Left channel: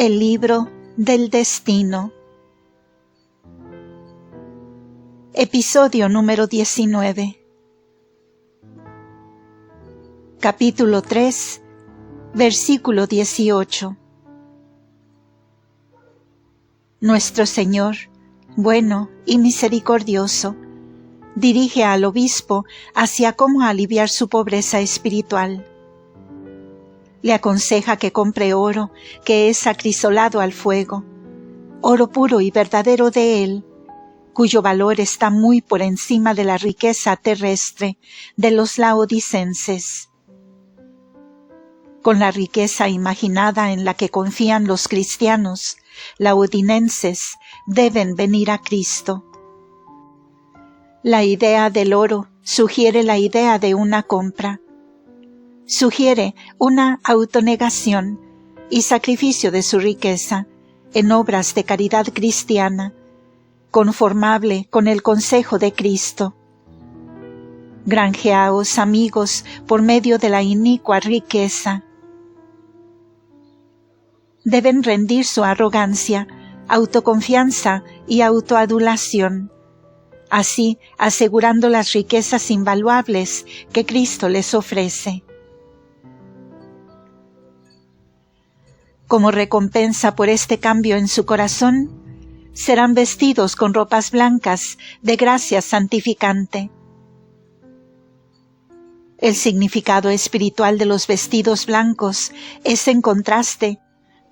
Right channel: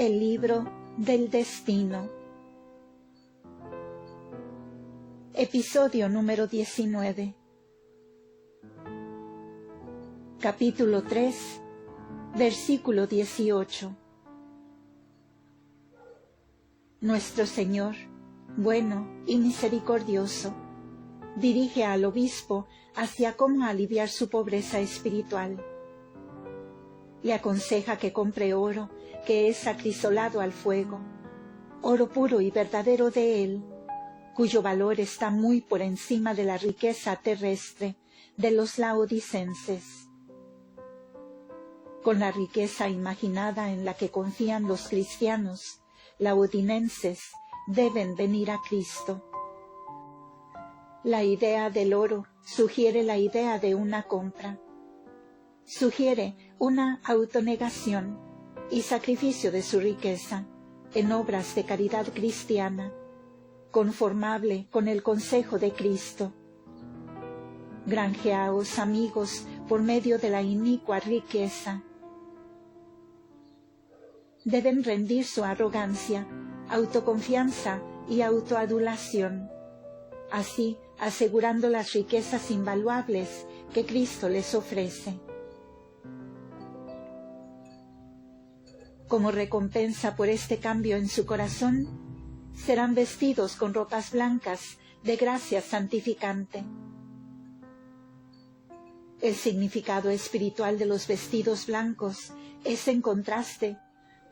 El libro del destino. Episodio número 19. Capítulo 3, versículo 18. Nuestro Señor, bueno y misericordioso, dirige al obispo hacia cómo aliviar su pobreza espiritual. Le aconseja que compre oro que es acrisolado al fuego, oro puro y verdadero de él, cuyo valor está muy por encima de la riqueza terrestre de los laodicenses. Con la riqueza imaginada en la que confían los cristianos laodinenses, deben venir a Cristo. La idea del oro sugiere la idea de una compra. Sugiere una autonegación y sacrificio de su riqueza en obras de caridad cristiana, conformable con el consejo de Cristo. Granjeaos, amigos, por medio de la inicua riqueza. Deben rendir su arrogancia, autoconfianza y autoadulación, así asegurando las riquezas invaluables que Cristo les ofrece. Como recompensa por este cambio en su corazón, serán vestidos con ropas blancas de gracia santificante. El significado espiritual de los vestidos blancos es en contraste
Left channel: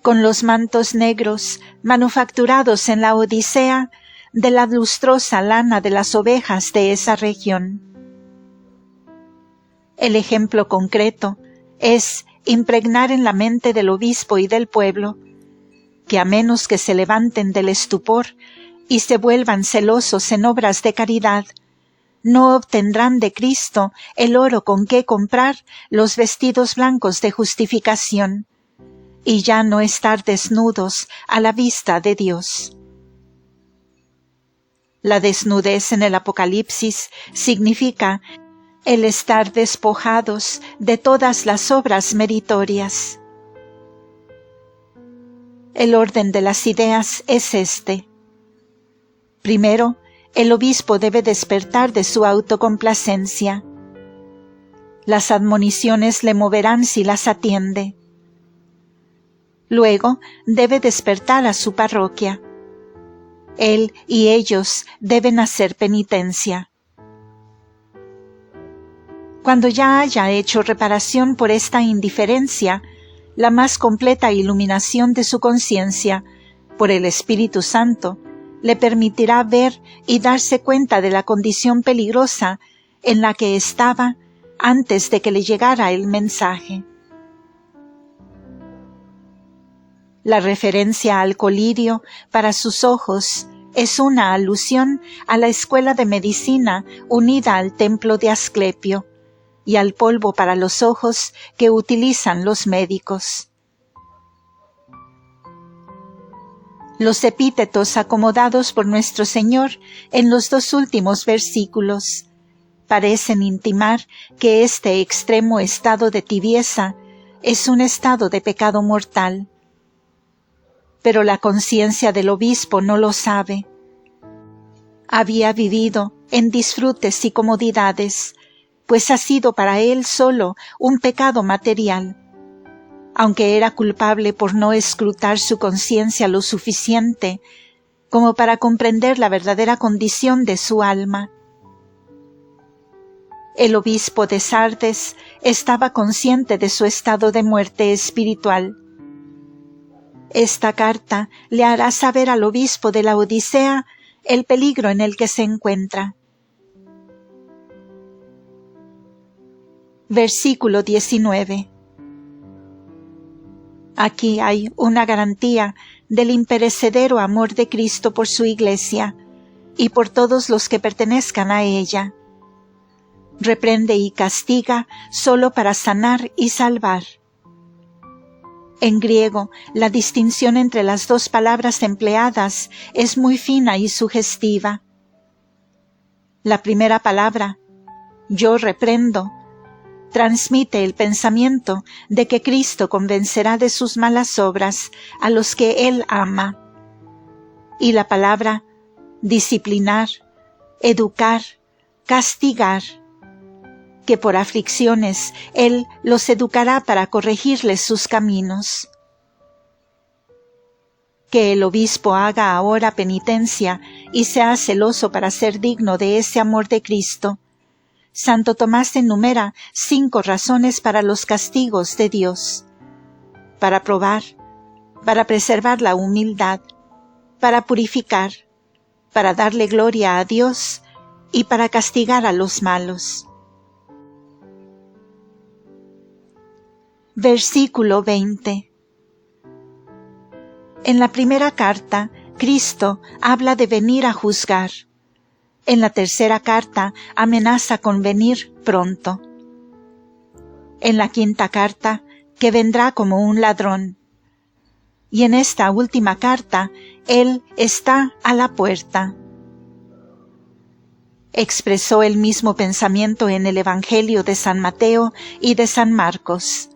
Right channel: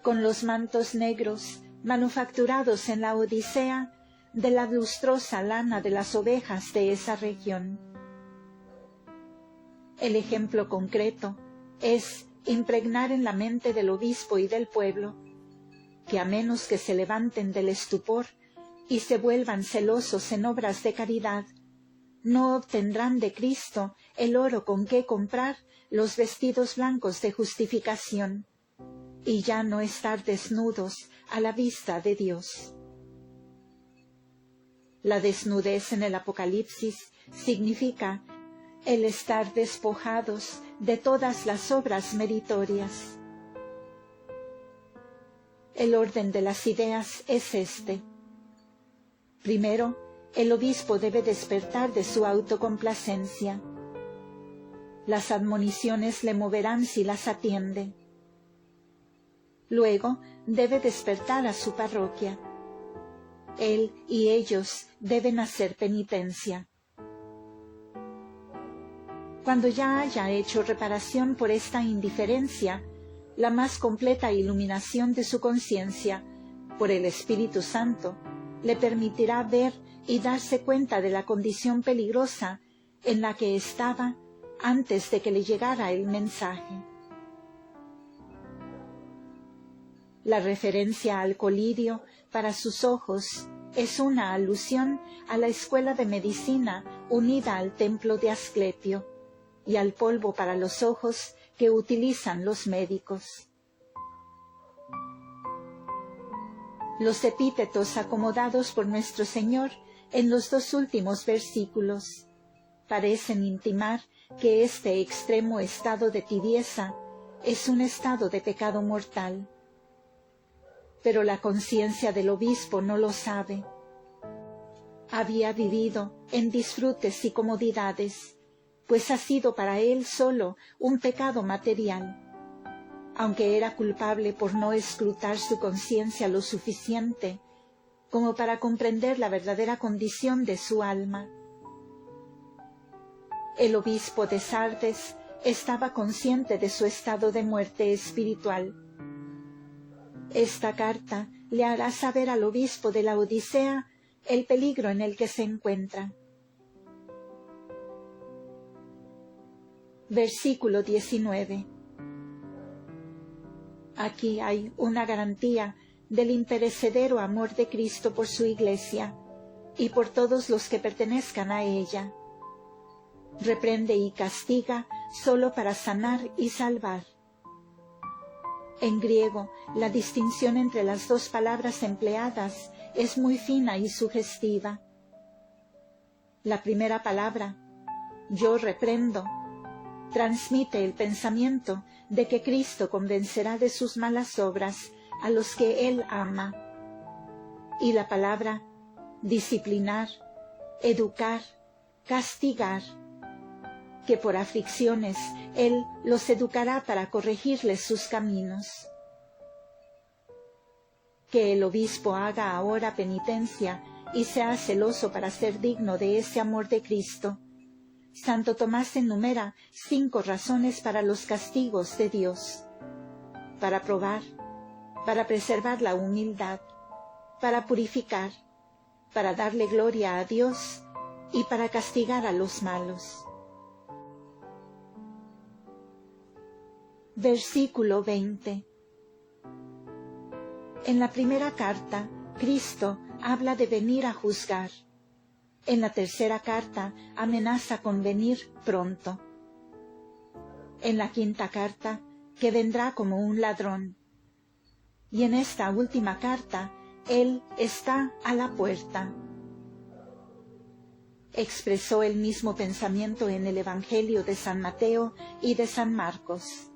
con los mantos negros manufacturados en la Odisea de la lustrosa lana de las ovejas de esa región. El ejemplo concreto es impregnar en la mente del obispo y del pueblo, que a menos que se levanten del estupor y se vuelvan celosos en obras de caridad, no obtendrán de Cristo el oro con que comprar los vestidos blancos de justificación, y ya no estar desnudos a la vista de Dios. La desnudez en el Apocalipsis significa el estar despojados de todas las obras meritorias. El orden de las ideas es este. Primero, el obispo debe despertar de su autocomplacencia. Las admoniciones le moverán si las atiende. Luego, debe despertar a su parroquia. Él y ellos deben hacer penitencia. Cuando ya haya hecho reparación por esta indiferencia, la más completa iluminación de su conciencia, por el Espíritu Santo, le permitirá ver y darse cuenta de la condición peligrosa en la que estaba antes de que le llegara el mensaje. La referencia al colirio para sus ojos es una alusión a la escuela de medicina unida al templo de Asclepio y al polvo para los ojos que utilizan los médicos. Los epítetos acomodados por nuestro Señor en los dos últimos versículos parecen intimar que este extremo estado de tibieza es un estado de pecado mortal. Pero la conciencia del obispo no lo sabe. Había vivido en disfrutes y comodidades, pues ha sido para él solo un pecado material, aunque era culpable por no escrutar su conciencia lo suficiente como para comprender la verdadera condición de su alma. El obispo de Sardes estaba consciente de su estado de muerte espiritual. Esta carta le hará saber al obispo de la Odisea el peligro en el que se encuentra. Versículo 19. Aquí hay una garantía del imperecedero amor de Cristo por su Iglesia y por todos los que pertenezcan a ella. Reprende y castiga solo para sanar y salvar. En griego, la distinción entre las dos palabras empleadas es muy fina y sugestiva. La primera palabra, yo reprendo, transmite el pensamiento de que Cristo convencerá de sus malas obras a los que Él ama. Y la palabra disciplinar, educar, castigar, que por aflicciones Él los educará para corregirles sus caminos. Que el obispo haga ahora penitencia y sea celoso para ser digno de ese amor de Cristo. Santo Tomás enumera 5 razones para los castigos de Dios: para probar, para preservar la humildad, para purificar, para darle gloria a Dios y para castigar a los malos. Versículo 20. En la primera carta, Cristo habla de venir a juzgar. En la tercera carta amenaza con venir pronto. En la quinta carta, que vendrá como un ladrón. Y en esta última carta, Él está a la puerta. Expresó el mismo pensamiento en el Evangelio de San Mateo y de San Marcos.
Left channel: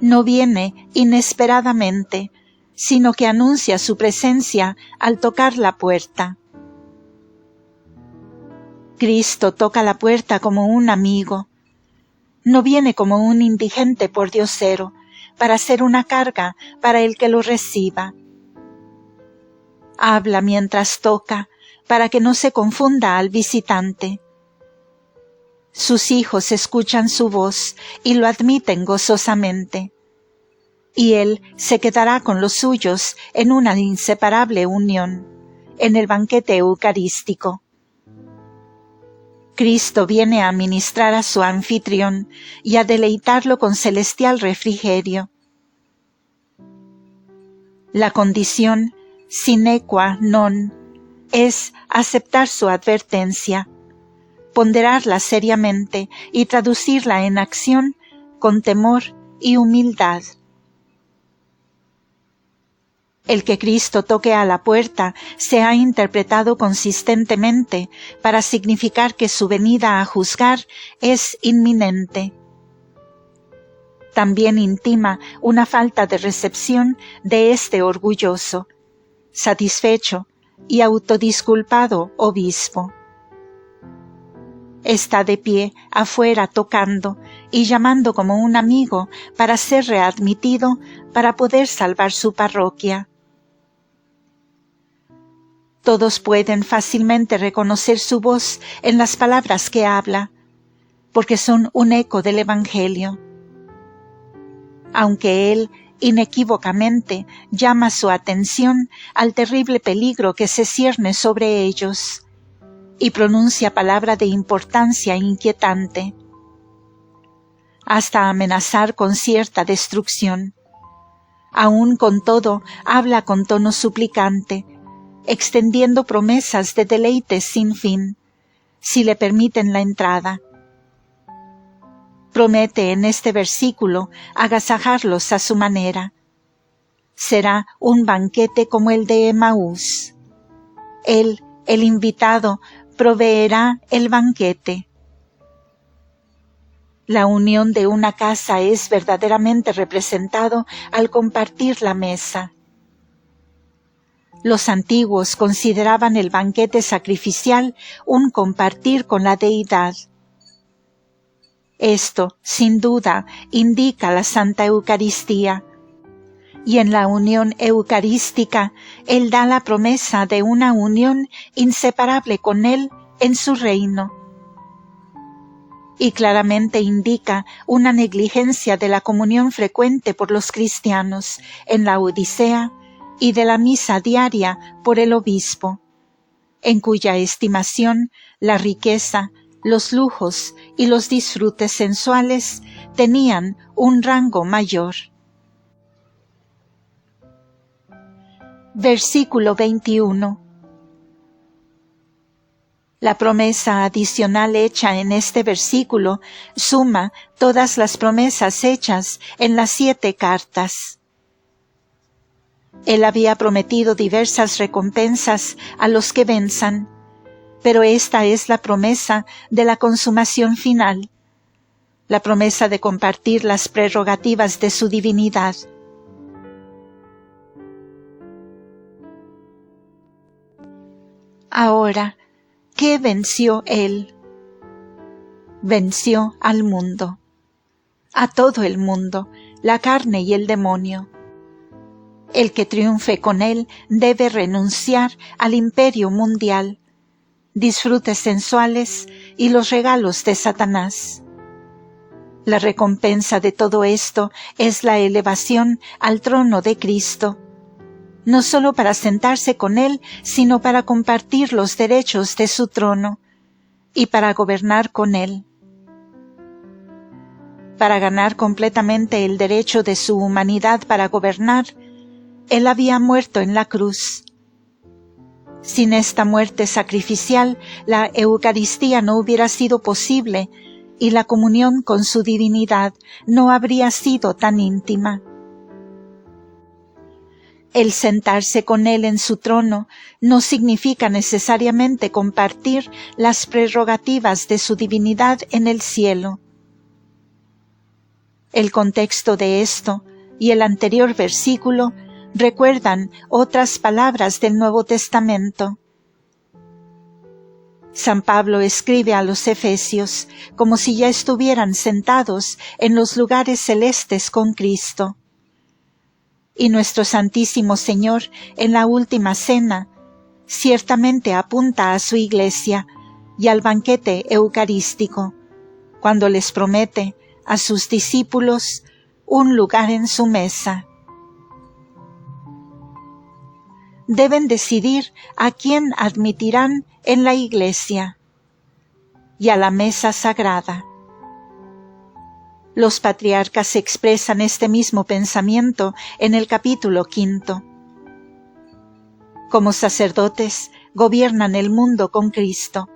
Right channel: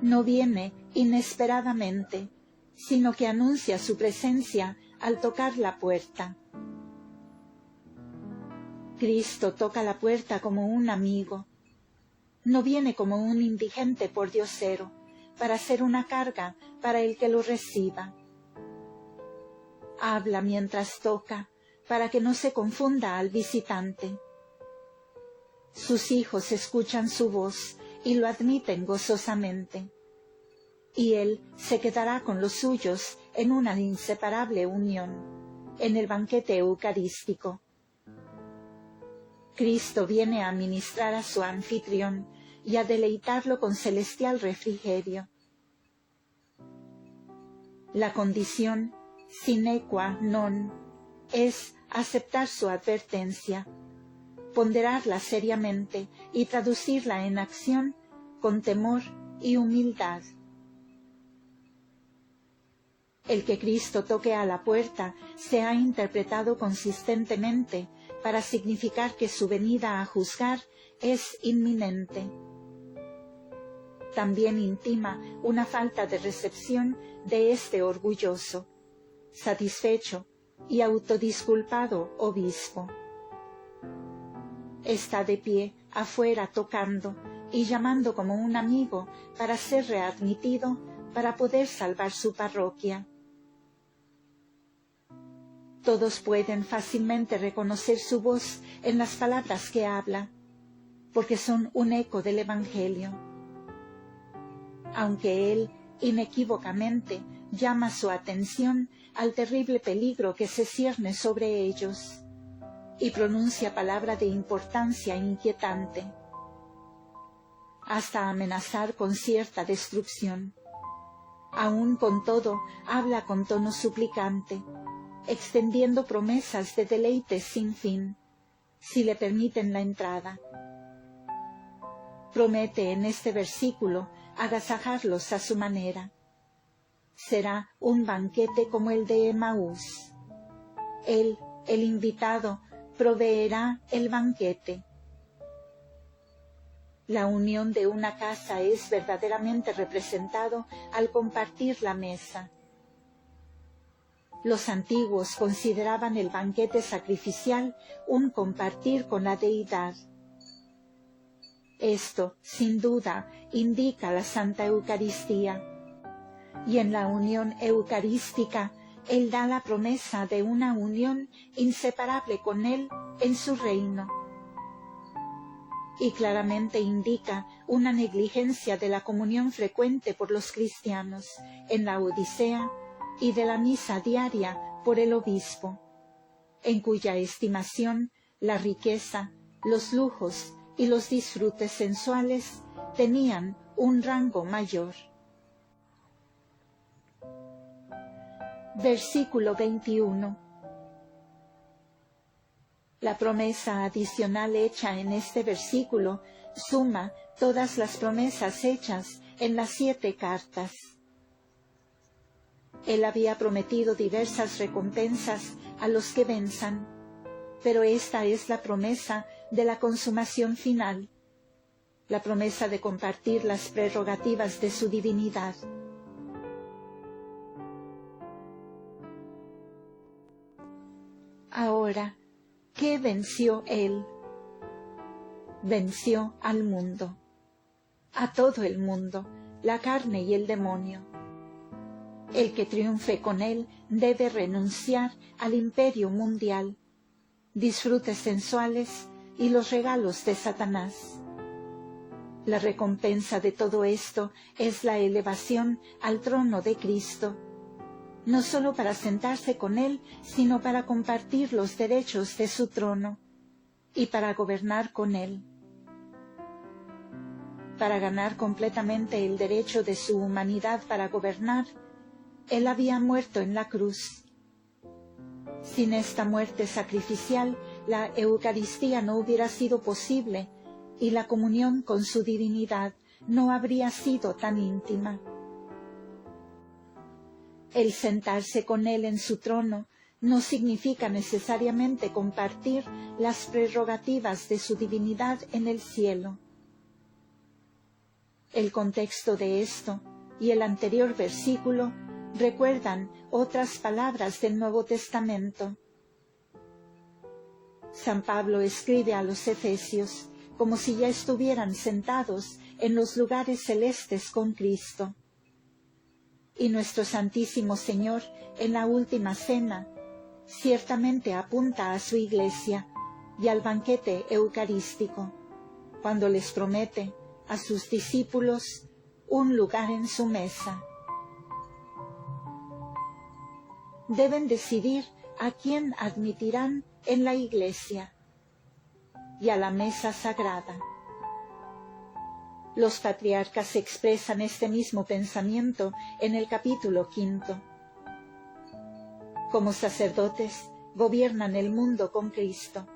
No viene inesperadamente, sino que anuncia su presencia al tocar la puerta. Cristo toca la puerta como un amigo. No viene como un indigente pordiosero, para ser una carga para el que lo reciba. Habla mientras toca, para que no se confunda al visitante. Sus hijos escuchan su voz y lo admiten gozosamente. Y Él se quedará con los suyos en una inseparable unión, en el banquete eucarístico. Cristo viene a ministrar a su anfitrión y a deleitarlo con celestial refrigerio. La condición sine qua non es aceptar su advertencia, ponderarla seriamente y traducirla en acción con temor y humildad. El que Cristo toque a la puerta se ha interpretado consistentemente para significar que su venida a juzgar es inminente. También intima una falta de recepción de este orgulloso, satisfecho y autodisculpado obispo. Está de pie afuera tocando y llamando como un amigo para ser readmitido para poder salvar su parroquia. Todos pueden fácilmente reconocer su voz en las palabras que habla, porque son un eco del Evangelio. Aunque Él inequívocamente llama su atención al terrible peligro que se cierne sobre ellos, y pronuncia palabra de importancia inquietante, hasta amenazar con cierta destrucción. Aún con todo, habla con tono suplicante, extendiendo promesas de deleites sin fin, si le permiten la entrada. Promete en este versículo agasajarlos a su manera. Será un banquete como el de Emaús. Él, el invitado, proveerá el banquete. La unión de una casa es verdaderamente representado al compartir la mesa. Los antiguos consideraban el banquete sacrificial un compartir con la deidad. Esto, sin duda, indica la Santa Eucaristía. Y en la unión eucarística, Él da la promesa de una unión inseparable con Él en su reino. Y claramente indica una negligencia de la comunión frecuente por los cristianos en la Odisea y de la misa diaria por el obispo, en cuya estimación la riqueza, los lujos y los disfrutes sensuales tenían un rango mayor. Versículo 21. La promesa adicional hecha en este versículo suma todas las promesas hechas en las 7 cartas. Él había prometido diversas recompensas a los que venzan, pero esta es la promesa de la consumación final. la promesa de compartir las prerrogativas de su divinidad. Ahora, ¿qué venció él? Venció al mundo, a todo el mundo, la carne y el demonio. El que triunfe con él debe renunciar al imperio mundial, disfrutes sensuales y los regalos de Satanás. La recompensa de todo esto es la elevación al trono de Cristo, no solo para sentarse con él, sino para compartir los derechos de su trono y para gobernar con él. Para ganar completamente el derecho de su humanidad para gobernar, él había muerto en la cruz. Sin esta muerte sacrificial, la Eucaristía no hubiera sido posible y la comunión con su divinidad no habría sido tan íntima. El sentarse con él en su trono no significa necesariamente compartir las prerrogativas de su divinidad en el cielo. El contexto de esto y el anterior versículo recuerdan otras palabras del Nuevo Testamento. San Pablo escribe a los Efesios como si ya estuvieran sentados en los lugares celestes con Cristo. Y nuestro Santísimo Señor, en la última cena, ciertamente apunta a su Iglesia y al banquete eucarístico, cuando les promete a sus discípulos un lugar en su mesa. Deben decidir a quién admitirán en la Iglesia y a la mesa sagrada. Los patriarcas expresan este mismo pensamiento en el capítulo 5. Como sacerdotes, gobiernan el mundo con Cristo,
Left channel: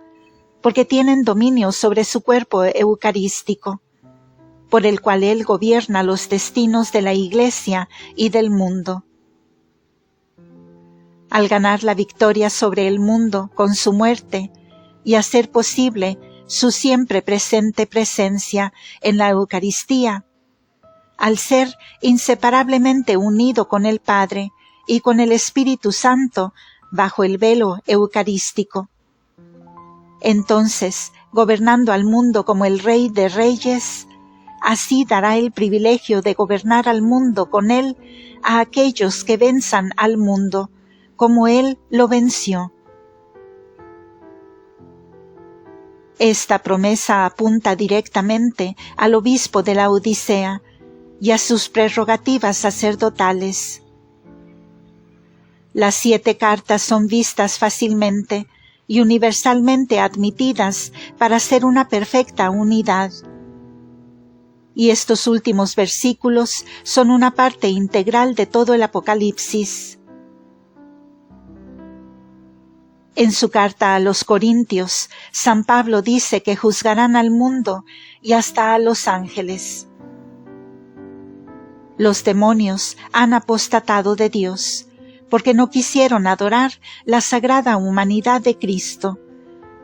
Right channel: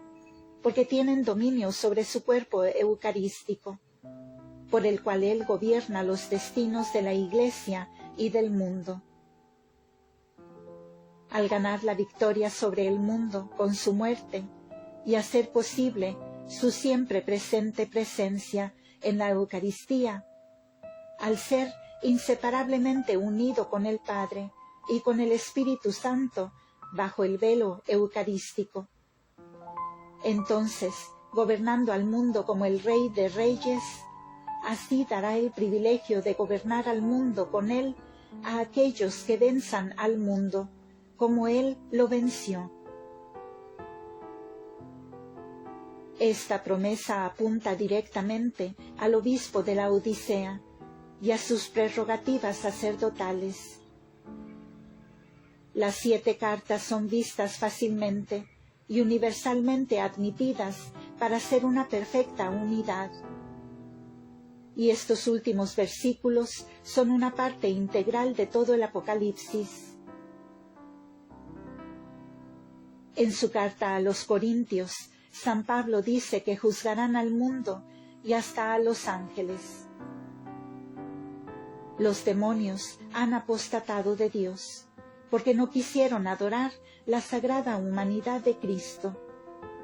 porque tienen dominio sobre su cuerpo eucarístico, por el cual Él gobierna los destinos de la Iglesia y del mundo. Al ganar la victoria sobre el mundo con su muerte y hacer posible su siempre presente presencia en la Eucaristía, al ser inseparablemente unido con el Padre y con el Espíritu Santo bajo el velo eucarístico. Entonces, gobernando al mundo como el Rey de Reyes, así dará el privilegio de gobernar al mundo con él a aquellos que venzan al mundo, como él lo venció. Esta promesa apunta directamente al obispo de la Odisea y a sus prerrogativas sacerdotales. Las 7 cartas son vistas fácilmente y universalmente admitidas para ser una perfecta unidad. Y estos últimos versículos son una parte integral de todo el Apocalipsis. En su carta a los Corintios, San Pablo dice que juzgarán al mundo y hasta a los ángeles. Los demonios han apostatado de Dios, porque no quisieron adorar la sagrada humanidad de Cristo,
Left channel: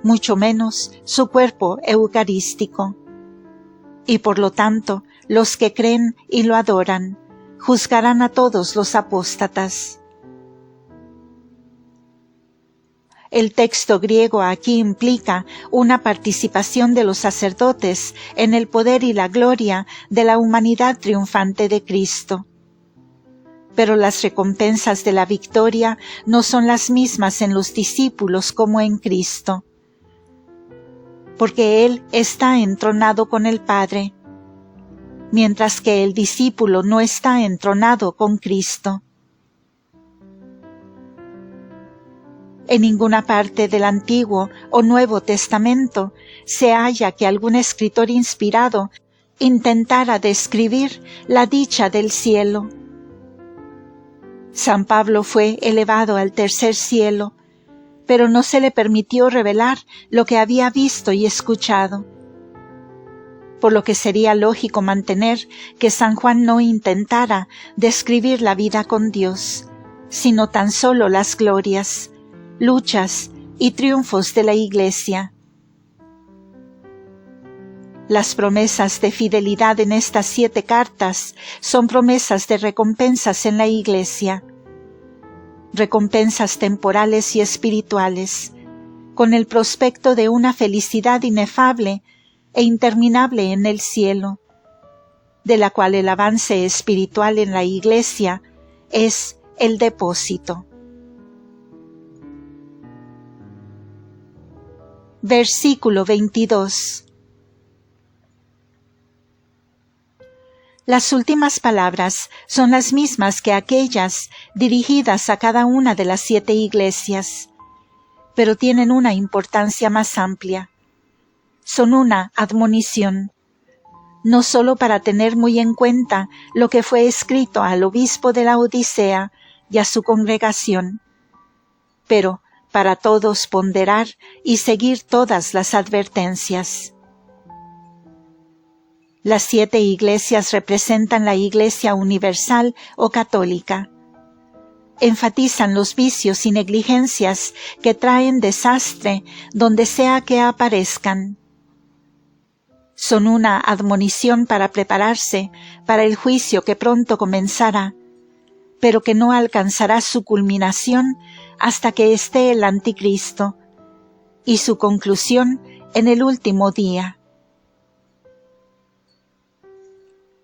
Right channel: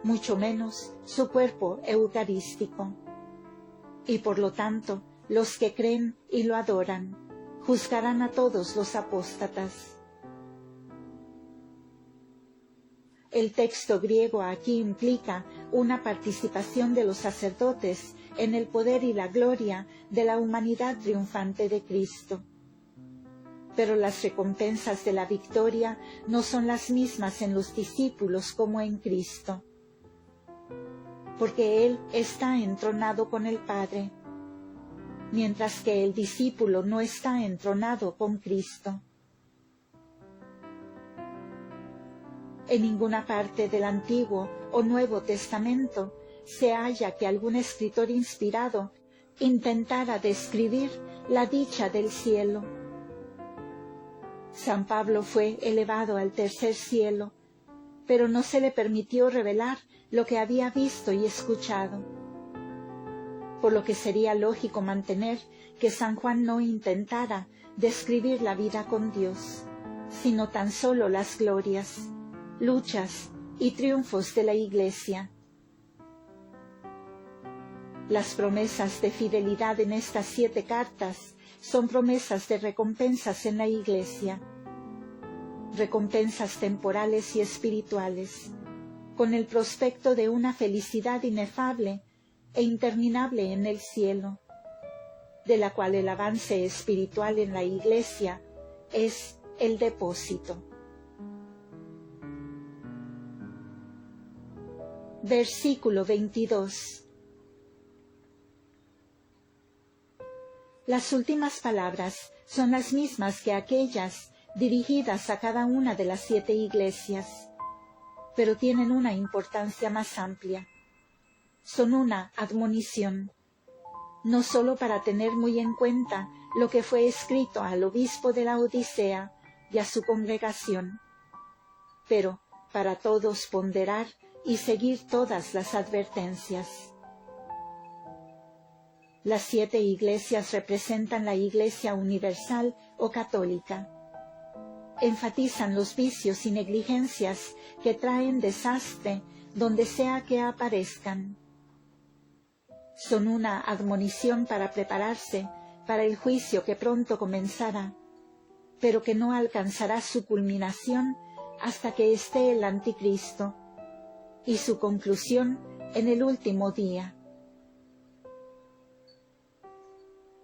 mucho menos su cuerpo eucarístico. Y por lo tanto, los que creen y lo adoran, juzgarán a todos los apóstatas. El texto griego aquí implica una participación de los sacerdotes en el poder y la gloria de la humanidad triunfante de Cristo. Pero las recompensas de la victoria no son las mismas en los discípulos como en Cristo, porque Él está entronado con el Padre, mientras que el discípulo no está entronado con Cristo. En ninguna parte del Antiguo o Nuevo Testamento se halla que algún escritor inspirado intentara describir la dicha del cielo. San Pablo fue elevado al tercer cielo, pero no se le permitió revelar lo que había visto y escuchado, por lo que sería lógico mantener que San Juan no intentara describir la vida con Dios, sino tan solo las glorias, luchas y triunfos de la Iglesia. Las promesas de fidelidad en estas 7 cartas son promesas de recompensas en la Iglesia, recompensas temporales y espirituales, con el prospecto de una felicidad inefable e interminable en el cielo, de la cual el avance espiritual en la Iglesia es el depósito. Versículo 22. Las últimas palabras son las mismas que aquellas dirigidas a cada una de las 7 iglesias, pero tienen una importancia más amplia. Son una admonición, no sólo para tener muy en cuenta lo que fue escrito al obispo de la Odisea y a su congregación, pero para todos ponderar y seguir todas las advertencias. Las 7 iglesias representan la Iglesia universal o católica. Enfatizan los vicios y negligencias que traen desastre donde sea que aparezcan. Son una admonición para prepararse para el juicio que pronto comenzará, pero que no alcanzará su culminación hasta que esté el Anticristo, y su conclusión en el último día.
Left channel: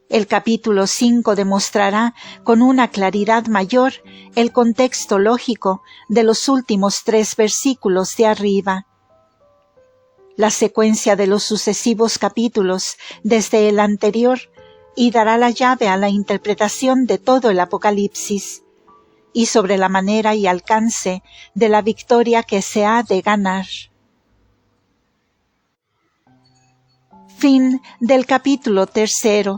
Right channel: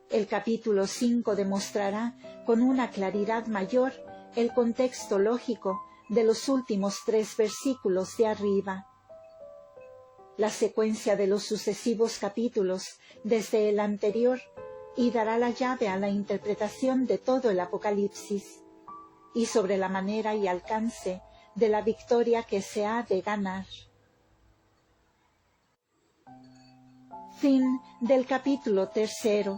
El capítulo 5 demostrará con una claridad mayor el contexto lógico de los últimos 3 versículos de arriba. La secuencia de los sucesivos capítulos desde el anterior y dará la llave a la interpretación de todo el Apocalipsis y sobre la manera y alcance de la victoria que se ha de ganar. Fin del capítulo 3.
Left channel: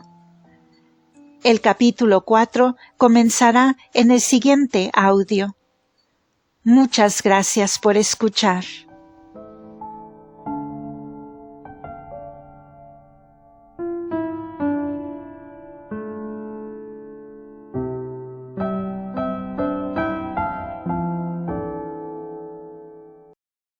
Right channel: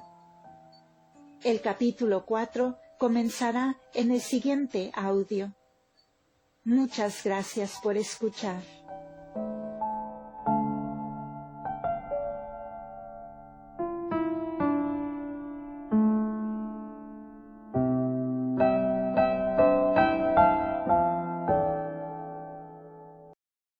El capítulo 4 comenzará en el siguiente audio. Muchas gracias por escuchar.